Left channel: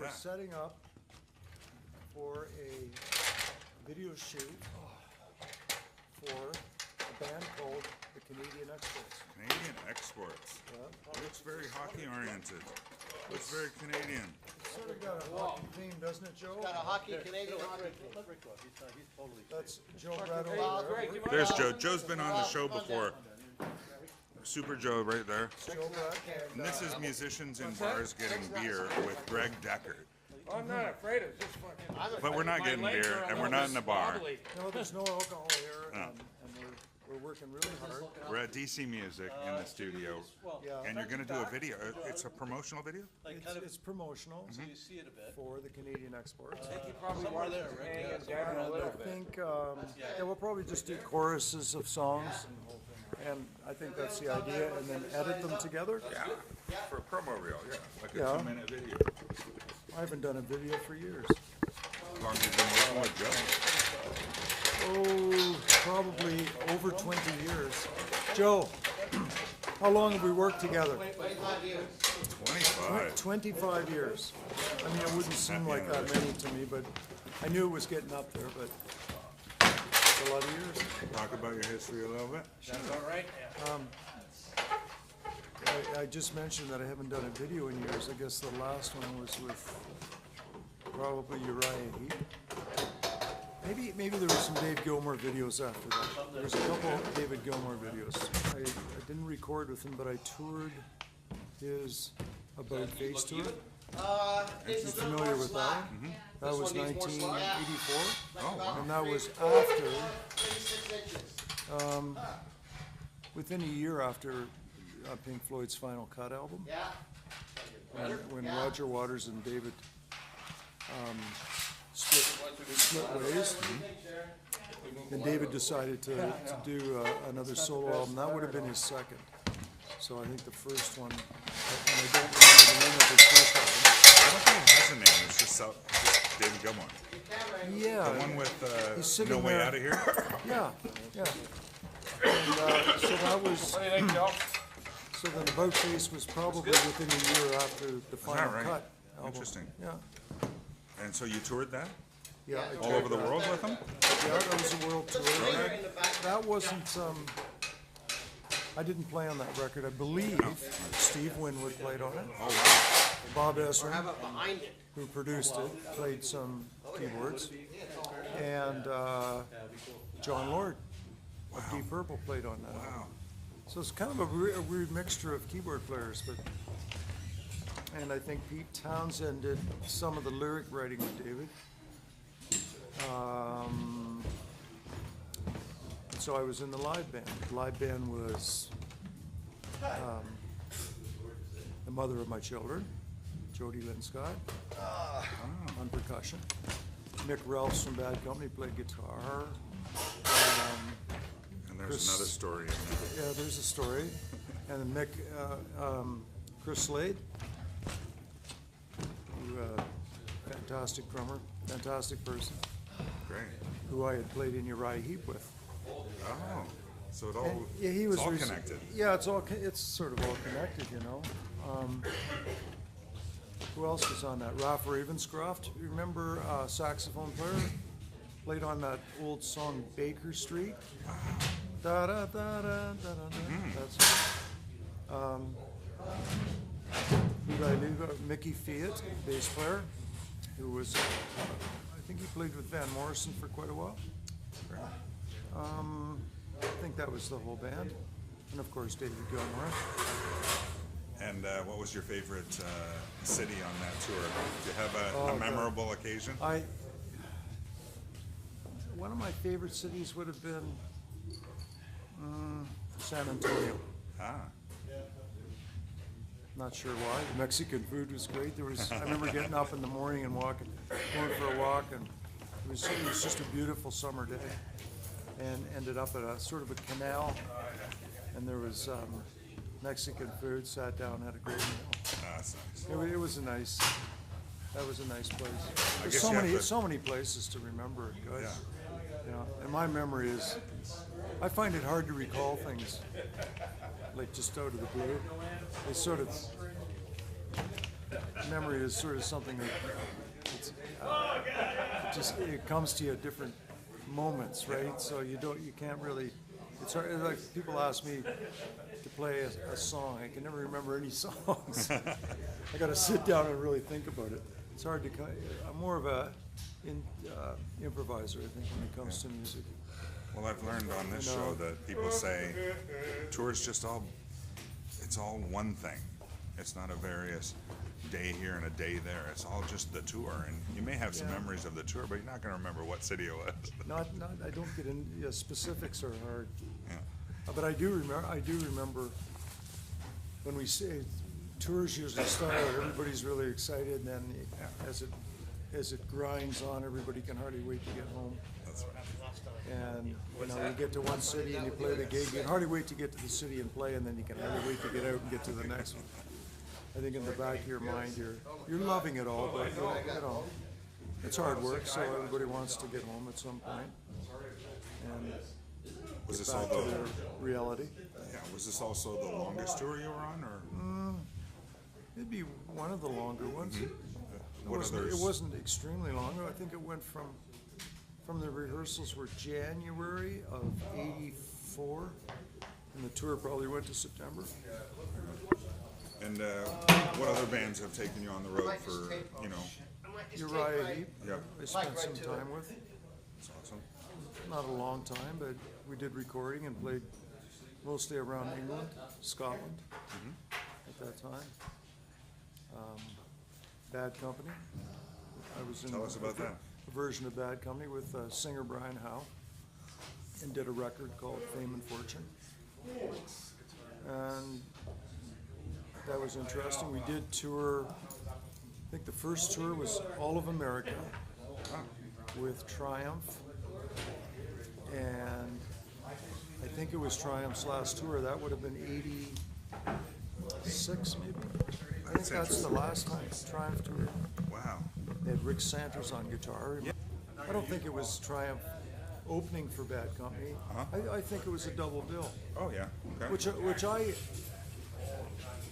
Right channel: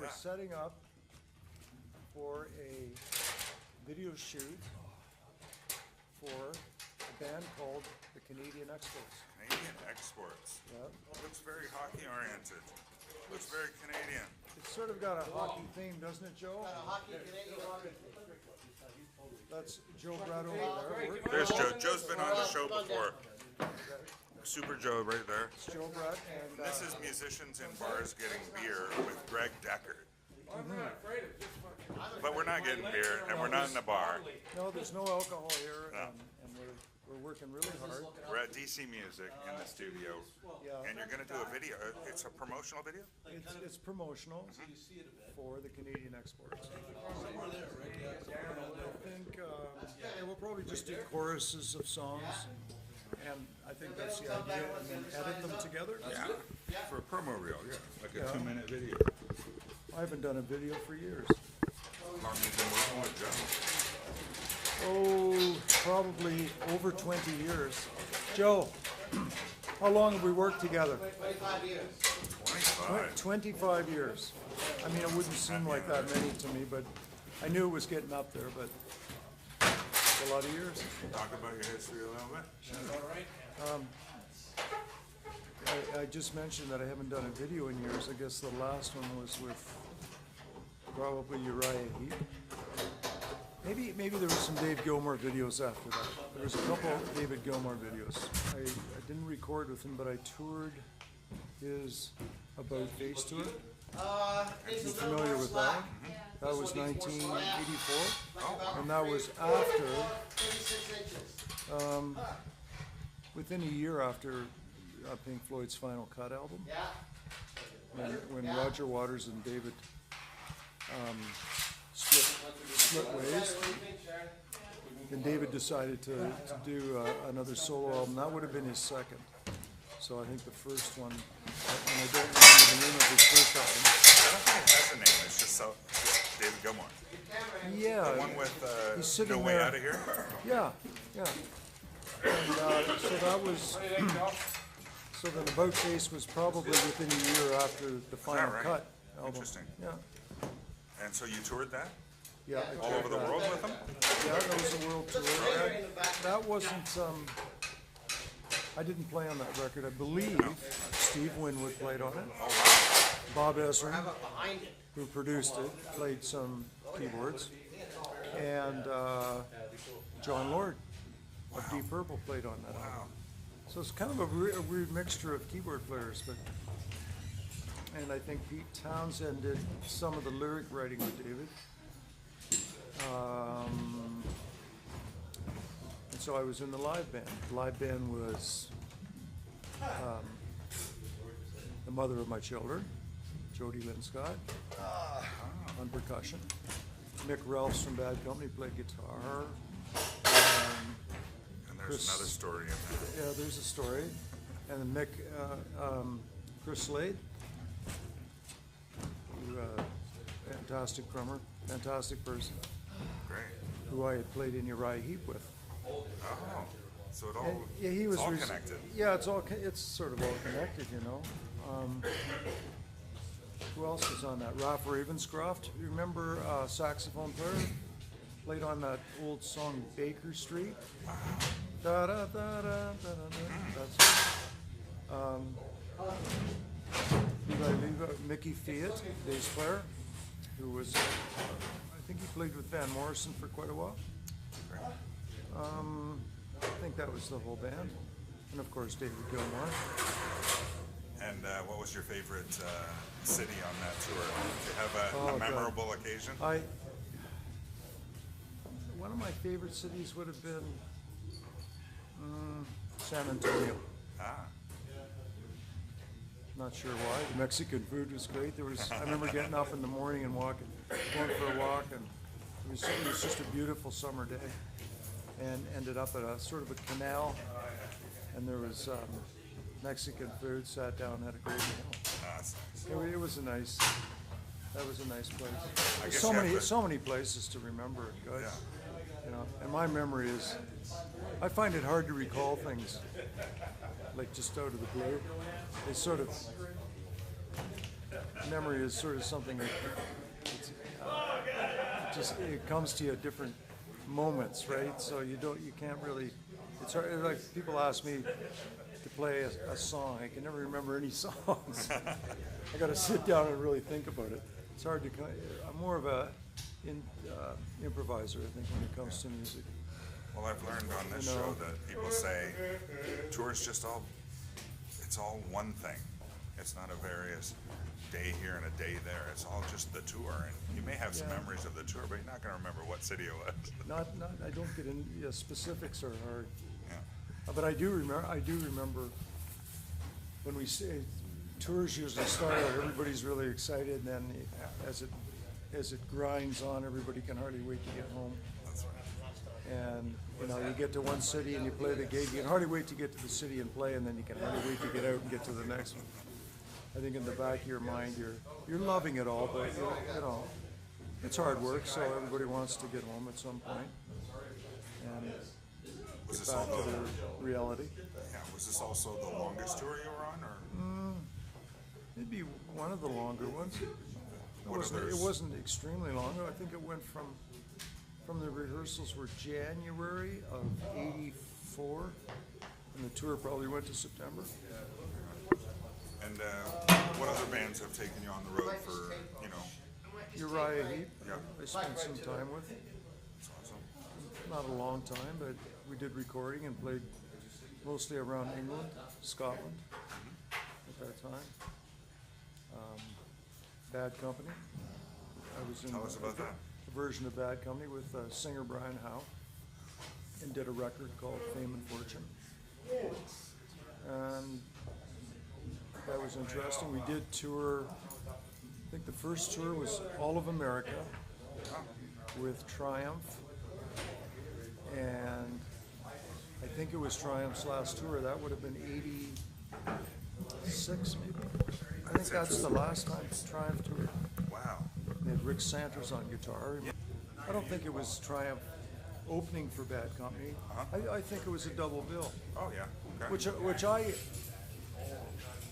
We're setting up for a video shoot for a band called the Canadian Xsports. Canadian Xsports. Yep. It's very hockey oriented. It's very Canadian. It's sort of got a hockey theme, doesn't it, Joe? Got a hockey Canadian hockey. That's Joe Brett over there. Great, Joe's been on the show before. Super Joe right there. It's Joe Brett and This is musicians and bars getting beer with Gregg Dechert. I'm not afraid of this fucking. But we're not My getting legs beer, are and a we're little not bit in a bar. wobbly. no, there's no alcohol here, and we're working really hard. We're at DC Music in the studio. Yeah, And you're going to do a video. It's a promotional video? it's promotional for the Canadian Exports. You probably want to hang it down a And little I bit. think we'll probably just do choruses of songs, and I think that's the idea, and then edit them together. For a promo reel, yeah. Like a Yeah. 2-minute video. I haven't done a video for years. How long have you been working with Joe? Oh, probably over 20 years. Joe, how long have we worked together? 25 years. I mean, it wouldn't seem like that many to me, but I knew it was getting up there, but it's a lot of years. Talk about your history a little bit. I just mentioned that I haven't done a video in years. I guess the last one was with probably Uriah Heap. Maybe there was some Dave Gilmour videos after that. There was a couple David Gilmour videos. I didn't record with him, but I toured his About Face Tour. You familiar with that one? That was 1984, and that was after, within a year after Pink Floyd's Final Cut album, when Roger Waters and David split ways. Then David decided to do another solo album. That would have been his second. So I think the first one, and I don't remember the name of his first album. I don't think it has a name. It's just David Gilmour. Yeah, With, he's sitting No Way there. Outta Here. Yeah. And so that was. So then About Face was probably within a year after the Final Cut album. Interesting. Yeah. And so you toured that? Yeah, I toured that. Yeah, that was a world tour. That wasn't. I didn't play on that record. I believe Steve Winwood played on it. Bob Ezrin, who produced it, played some keyboards, and John Lord of Deep Purple played on that album. So it's kind of a weird mixture of keyboard players, and I think Pete Townsend did some of the lyric writing with David. And so I was in the live band. The live band was the mother of my children, Jody Lynn Scott, on percussion. Mick Ralphs from Bad Company played guitar. And there's Chris- another story. Yeah, there's a story. And then Mick, Chris Slade, who, fantastic drummer, fantastic person, Great. who I had played in Uriah Heap with. Oh. So it all, And yeah, he was. all connected. Yeah, it's sort of all connected, you know. Who else was on that? Ralph Ravenscroft. You remember saxophone player? Played on that old song Baker Street. Da da da da da da. That's. Who did I leave out? Mickey Fiat, bass player, who was. I think he played with Van Morrison for quite a while. I think that was the whole band, and of course David Gilmour. And what was your favorite city on that tour? Did you have a Oh, memorable occasion? One of my favorite cities would have been San Antonio. Not sure why. The Mexican food was great. I remember getting up in the morning and going for a walk, and it was just a beautiful summer day. And ended up at a sort of a canal, and there was Mexican food. Sat down, had a great meal. That's nice. It was a nice. That was a nice place. There's so many places to remember it. Good, you know. And my memory is, I find it hard to recall things, like just out of the blue. They sort of memory is sort of something that it comes to you at different moments, right? So you can't really. It's hard. Like people ask me to play a song, I can never remember any songs. I got to sit down and really think about it. It's hard to. I'm more of a improviser, I think, when it comes to music. Well, I've learned on this show that people say tour's just it's all one thing. It's not a various day here and a day there. It's all just the tour. And you may have some memories of the tour, but you're not going to remember what city it was. Not. I don't get into specifics are hard. Yeah. But I do remember when we say tours usually start out, everybody's really excited, and then as it grinds on, everybody can hardly wait to get home. And you get to one city and you play the gig. You can hardly wait to get to the city and play, and then you can hardly wait to get out and get to the next one. I think in the back of your mind, you're loving it all, but it's hard work. So everybody wants to get home at some point and get back to their reality. Yeah. Was this also the longest tour you were on, or? It'd be one of the longer ones. It wasn't extremely long. I think it went from the rehearsals were January of '84, and the tour probably went to September. And what other bands have taken you on the road for, Uriah Heap, I spent some time with. Not a long time, but we did recording and played mostly around England, Scotland at that time. Bad Company. I was in a version of Bad Company with singer Brian Howe, and did a record called Fame and Fortune. And that was interesting. We did tour, I think the first tour was all of America with Triumph, and I think it was Triumph's last tour. That would have been '86 maybe. I think that's the last time Triumph toured. Wow. They had Rick Santers on guitar. I don't think it was Triumph opening for Bad Company. I think it was a double bill. Oh yeah. Okay. Which I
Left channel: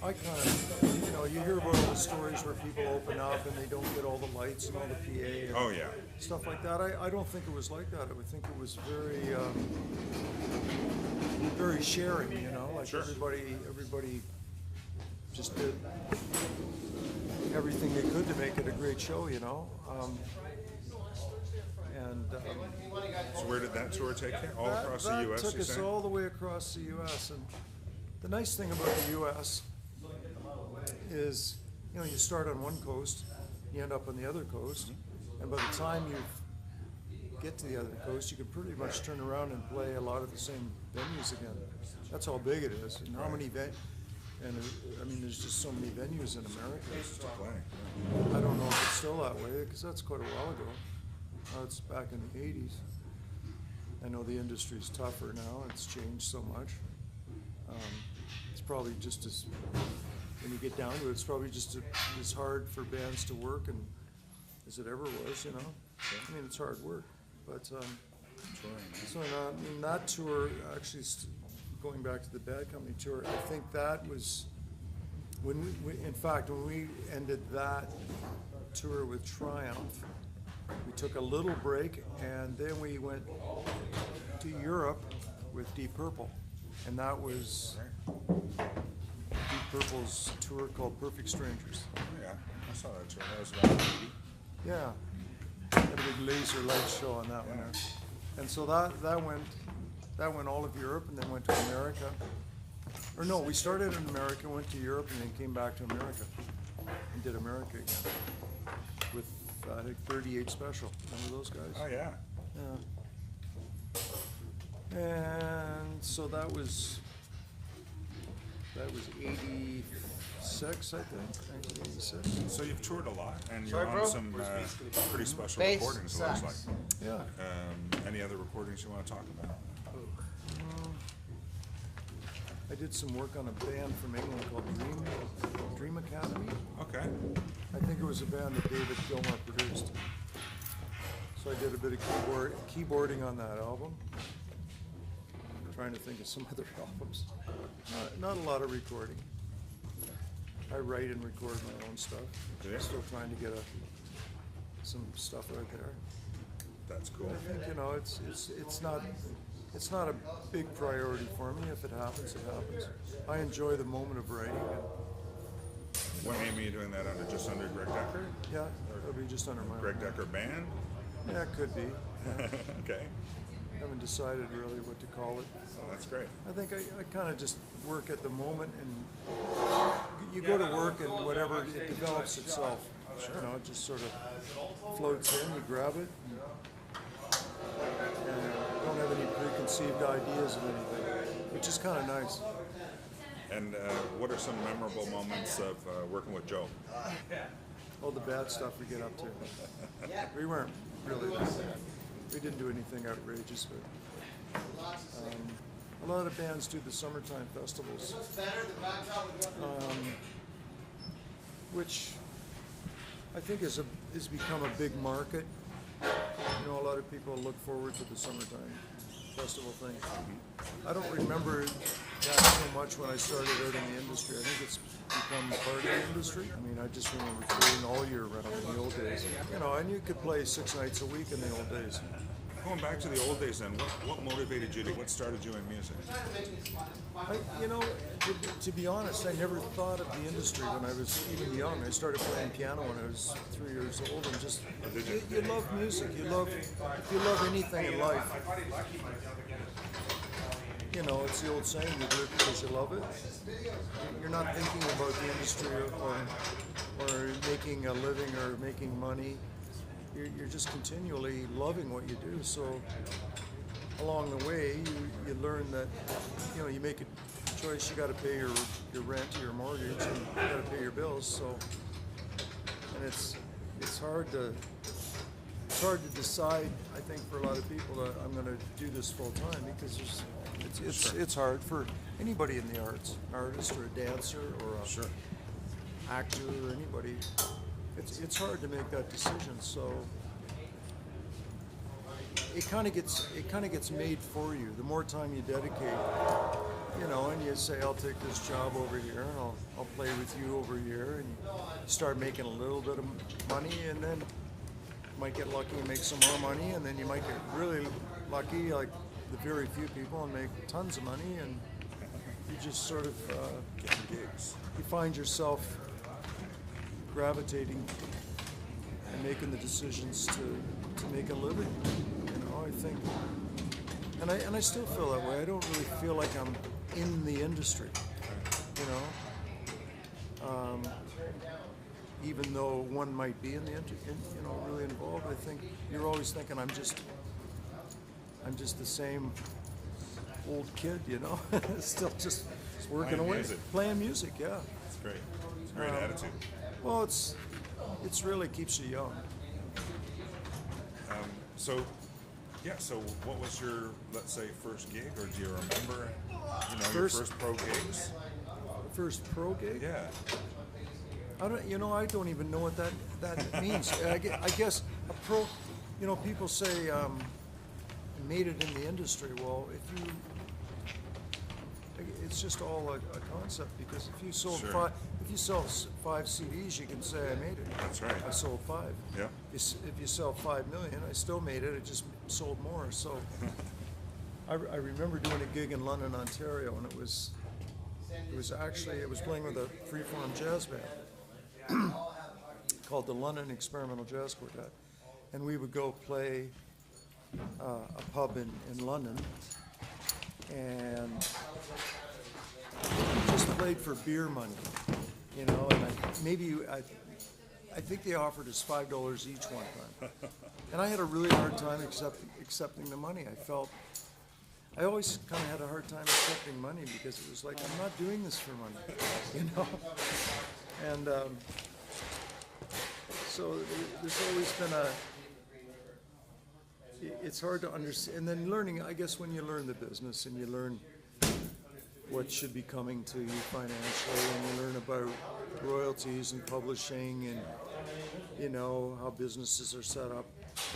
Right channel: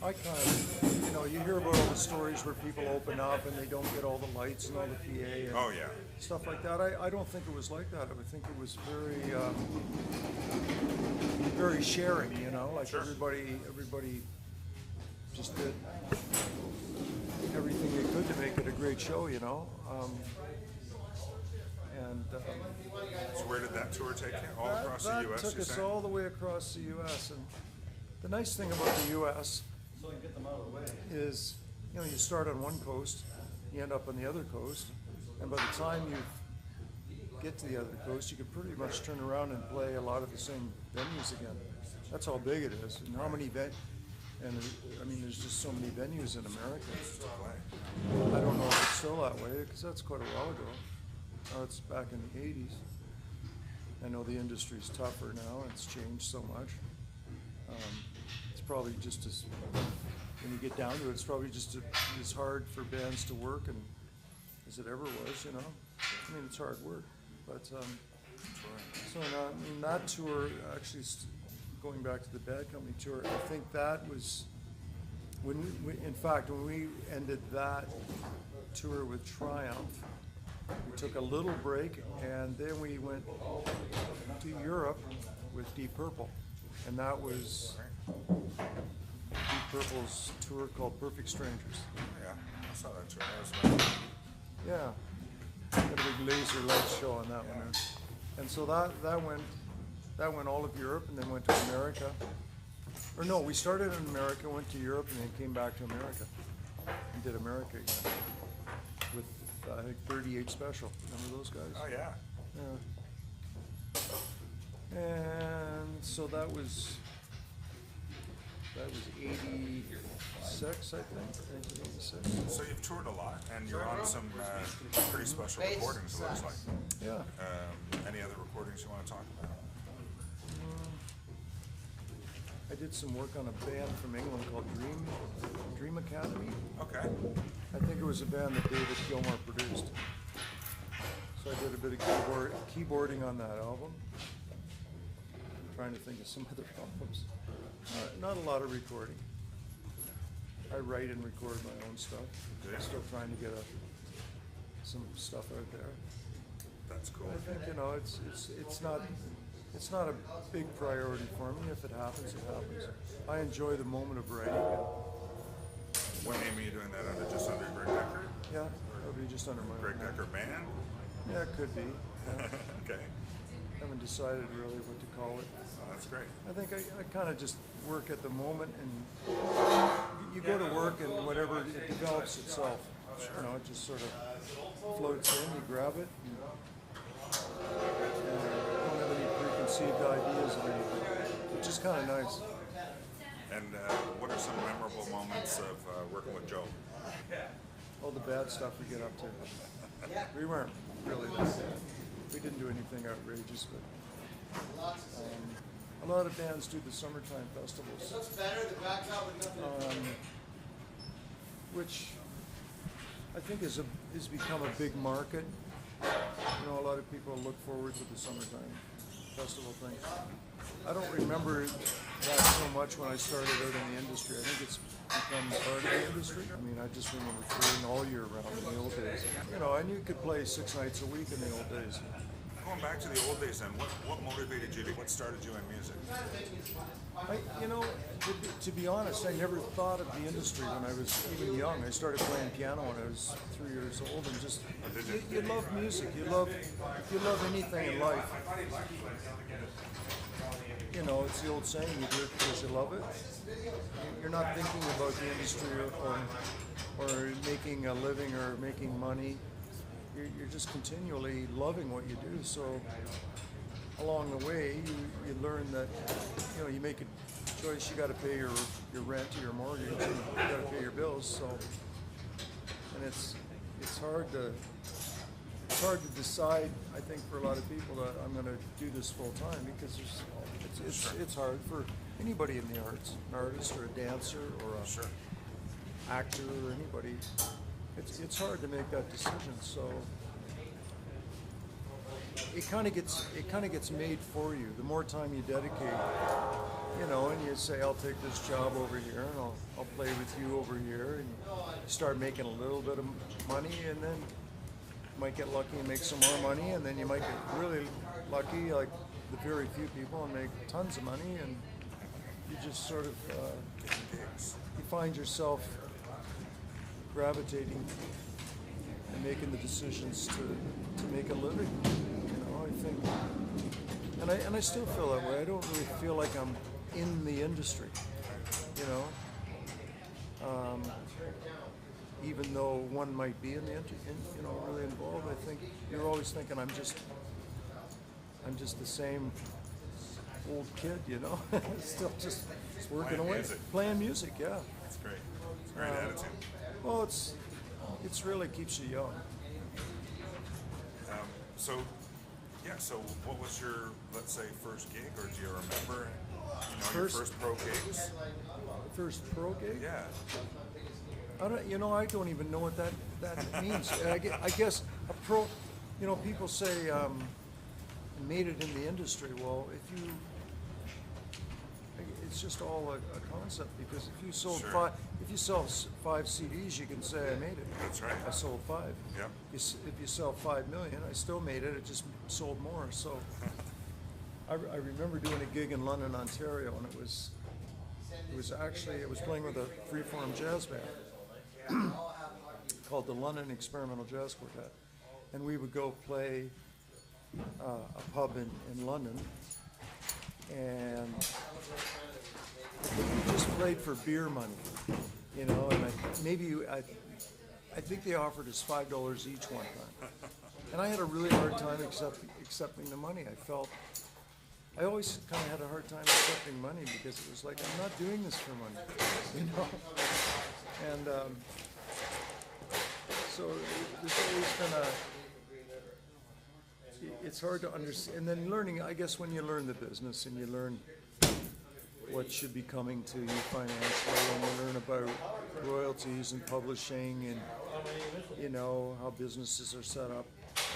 kind of, you hear about all the stories where people open up and they don't get all the lights and all the PA and stuff like that. I don't think it was like that. I would think it was very, very sharing. Like everybody just did everything they could to make it a great show. So where did that tour take you? That took us all the way across the U.S. And the nice thing about the U.S. is, you start on one coast, you end up on the other coast, and by the time you get to the other coast, you can pretty much turn around and play a lot of the same venues again. That's how big it is, and how many there's just so many venues in America. I don't know if it's still that way, because that's quite a while ago. It's back in the '80s. I know the industry's tougher now, and it's changed so much. It's probably just as, when you get down to it, it's probably just as hard for bands to work and as it ever was, I mean, it's hard work. But, that tour, actually, going back to the Bad Company tour, I think that was, when we ended that tour with Triumph, we took a little break, and then we went to Europe with Deep Purple, and that was Deep Purple's tour called Perfect Strangers. Yeah, I saw that tour. Yeah, had a big laser light show on that one there, and so that went all of Europe, and then went to America. Or no, we started in America, went to Europe, and then came back to America and did America again with I think 38 Special. Remember those guys? Oh yeah. Yeah. And so that was 86, I think, 1986. So you've toured a lot, and you're on some pretty special recordings, it looks like. Yeah. Any other recordings you want to talk about? I did some work on a band from England called Dream Academy. Okay. I think it was a band that David Gilmour produced. So I did a bit of keyboarding on that album. I'm trying to think of some other albums. Not a lot of recording. I write and record my own stuff. Yeah. Still trying to get some stuff out there. That's cool. But I think, you know, it's not a big priority for me. If it happens, it happens. I enjoy the moment of writing. And, you know, When are you doing that under, just under Gregg Dechert? yeah, it'll be just under my own Gregg name. Dechert Band? Yeah, it could be. Yeah. Okay. Haven't decided really what to call it. Oh, that's great. I think I kind of just work at the moment, and you go to work and whatever, it develops itself. You know, it just sort of floats in, you grab it, and don't have any preconceived ideas of anything, which is kind of nice. And what are some memorable moments of working with Joe? All the bad stuff we get up to. We weren't really that bad. We didn't do anything outrageous, but a lot of bands do the summertime festivals, which I think has become a big market. You know, a lot of people look forward to the summertime festival thing. I don't remember that so much when I started out in the industry. I think it's become part of the industry. I mean, I just remember touring all year round in the old days. You know, and you could play 6 nights a week in the old days. Going back to the old days, then, what motivated you? What started you in music? You know, to be honest, I never thought of the industry when I was even young. I started playing piano when I was 3 years old, and just you love music. If you love anything in life, you know, it's the old saying: you do it because you love it. You're not thinking about the industry or making a living or making money. You're just continually loving what you do. So along the way, you learn that, you know, you make a choice. You got to pay your rent, your mortgage, and you got to pay your bills. So, and it's hard to decide. I think for a lot of people that I'm going to do this full time, because it's hard for anybody in the arts, an artist or a dancer or a actor or anybody. It's hard to make that decision, so it kind of gets made for you. The more time you dedicate, you know, and you say, I'll take this job over here, and I'll play with you over here, and you start making a little bit of money, and then you might get lucky and make some more money, and then you might get really lucky, like the very few people, and make tons of money, and you just sort of you find yourself gravitating and making the decisions to make a living. You know, I think, and I still feel that way. I don't really feel like I'm in the industry, you know. Even though one might be in the you know, really involved, I think you're always thinking I'm just the same old kid, you know, still just working away, playing music, yeah. That's great. Great attitude. Well, it's really keeps you young. So what was your, let's say, first gig, or do you remember, you know, your first pro gigs? First pro gig? Yeah. I don't even know what that means. I guess a pro, you know, people say made it in the industry. Well, it's just all a concept, because if you sold if you sell 5 CDs, you can say I made it. That's right. I sold 5. Yeah. If you sell 5 million, I still made it. It just sold more. So I remember doing a gig in London, Ontario, and it was playing with a freeform jazz band called the London Experimental Jazz Quartet, and we would go play a pub in London, and we just played for beer money, you know, and I think they offered us $5 each one time, and I had a really hard time accepting the money. I always kind of had a hard time accepting money, because it was like, I'm not doing this for money, you know, and so there's always been it's hard to understand, and then learning, I guess, when you learn the business and you learn what should be coming to you financially, and you learn about royalties and publishing, and you know how businesses are set up,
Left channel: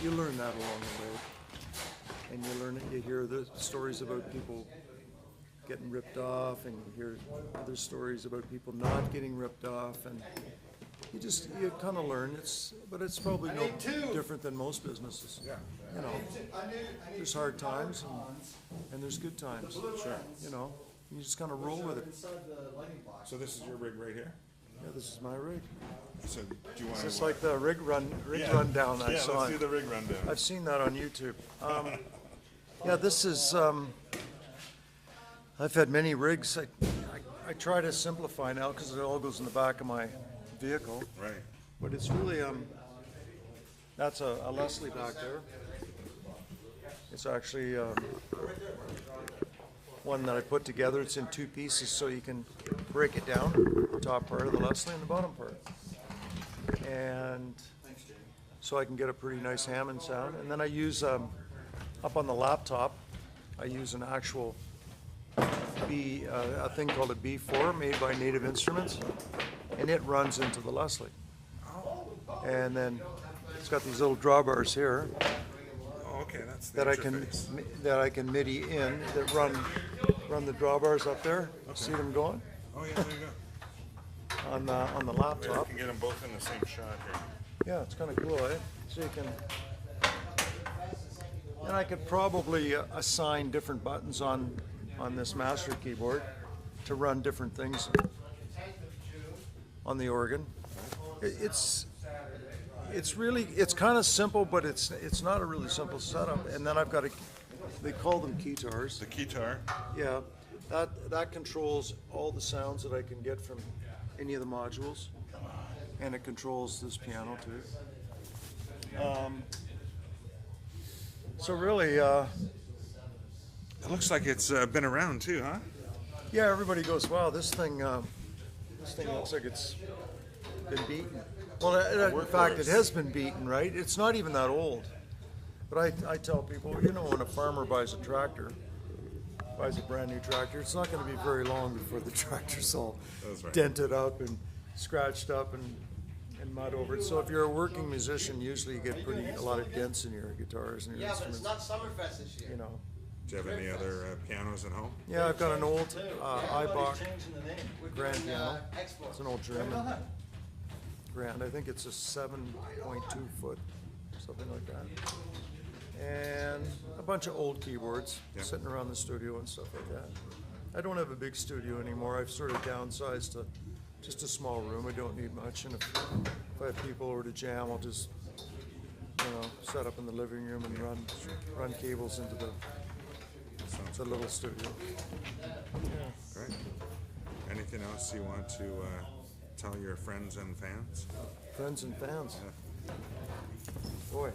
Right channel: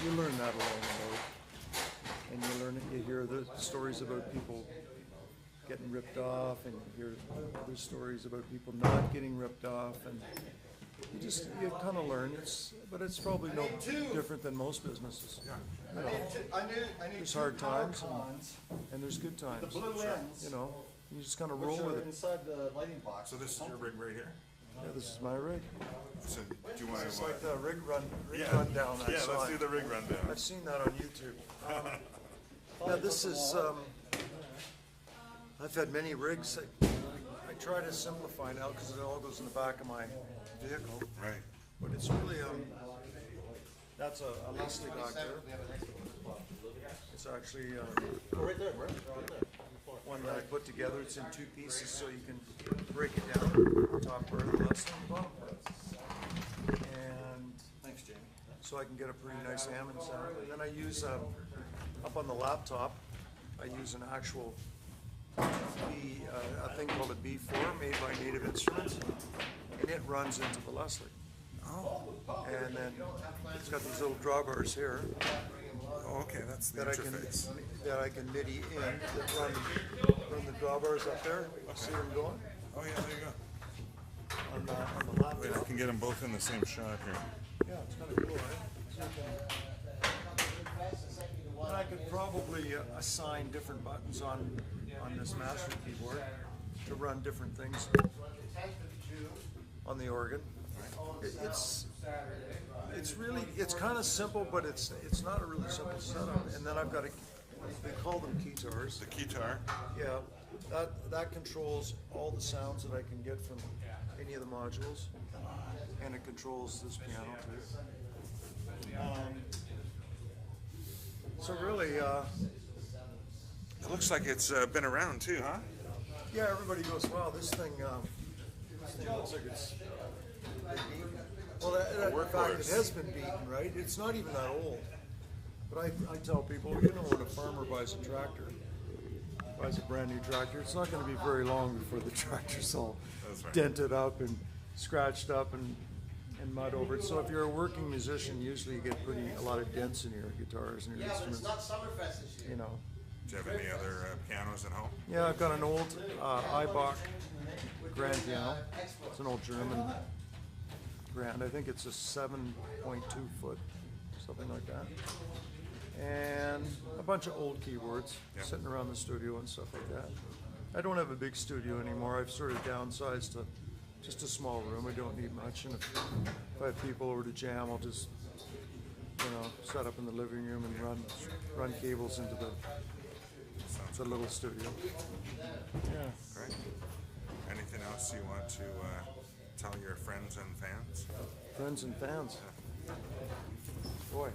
you learn that along the way, and you hear the stories about people getting ripped off, and you hear other stories about people not getting ripped off, and you kind of learn. But it's probably no different than most businesses. Yeah. You know, there's hard times and there's good times. You know, you just kind of roll with it. Inside the lighting box. So this is your rig right here? Yeah, this is my rig. So do you want to... It's like the rig rundown. Yeah, let's do the rig rundown. I've seen that on YouTube. Yeah, this is, I've had many rigs. I try to simplify now because it all goes in the back of my vehicle. Right. But it's really, that's a Leslie back there. It's actually one that I put together. It's in two pieces so you can break it down, the top part of the Leslie and the bottom part. And so I can get a pretty nice Hammond sound. And then I use, up on the laptop, I use an actual a thing called a B4 made by Native Instruments, and it runs into the Leslie. And then it's got these little drawbars here Oh, okay, that's the that interface. I can MIDI in that run the drawbars up there. Okay. See them going Oh, yeah, there you go. on the Yeah, you laptop. can get them both in the same shop. Yeah, it's kind of cool, eh? So you can, and I could probably assign different buttons on this master keyboard to run different things on the organ. It's kind of simple, but it's not a really simple setup. And then I've got they call them keytars. The keytar. Yeah, that controls all the sounds that I can get from any of the modules, and it controls this piano too. So really, It looks like it's been around too, huh? yeah, everybody goes, wow, this thing looks like it's been beaten. Well, in fact, it has been beaten, right? It's not even that old. But I tell people, you know, when a farmer buys a tractor, buys a brand new tractor, it's not going to be very long before the tractor's all right. dented up and scratched up and mud over it. So if you're a working musician, usually you get a lot of dents in your guitars and your instruments, you know. Do you have any other pianos at home? Yeah, I've got an old Eibach grand piano. It's an old German grand. I think it's a 7.2 foot, something like that. And a bunch of old keyboards sitting around the studio and stuff like that. I don't have a big studio anymore. I've sort of downsized to just a small room. I don't need much. And if I have people over to jam, I'll just, you know, set up in the living room and run cables into the little studio. Yeah. Great. Anything else you want to tell your friends and fans? Friends and fans. Boy.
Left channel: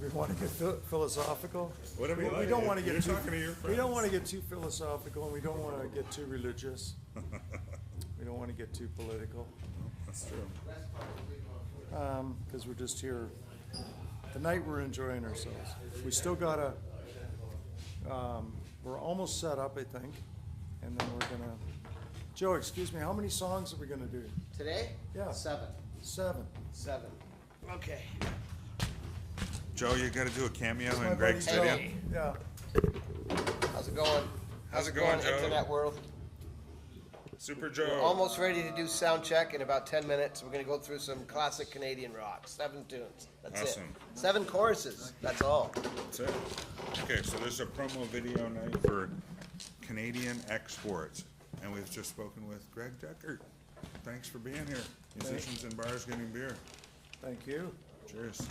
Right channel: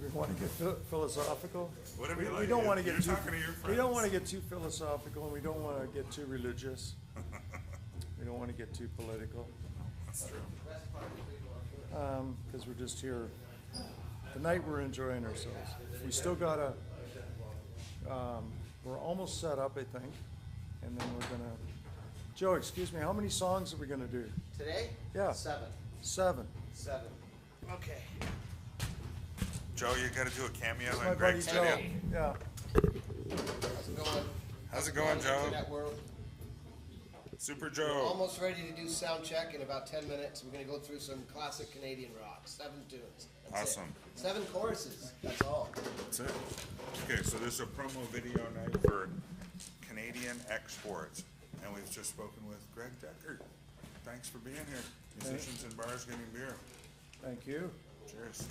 We want to get philosophical. Whatever you We like. don't want to You're get too. talking to your We don't want to get too philosophical, and we don't want to get too religious. We don't want to get too political. That's true. Because we're just here. Tonight we're enjoying ourselves. We still got we're almost set up, I think, and then we're gonna. Joe, excuse me. How many songs are we gonna do? Today? Yeah. 7. 7. Okay. Joe, you got to do a cameo. It's and my buddy break- Joe. Hey. Yeah. How's it going? How's it going, Joe? Internet world? Super Joe. We're almost ready to do sound check in about 10 minutes. We're going to go through some classic Canadian rock. 7 tunes. That's Awesome. it. 7 choruses. That's all. That's it. Okay, so there's a promo video night for Canadian Xsports, and we've just spoken with Gregg Dechert. Thanks for being here. Musicians in bars getting beer. Thank you. Cheers.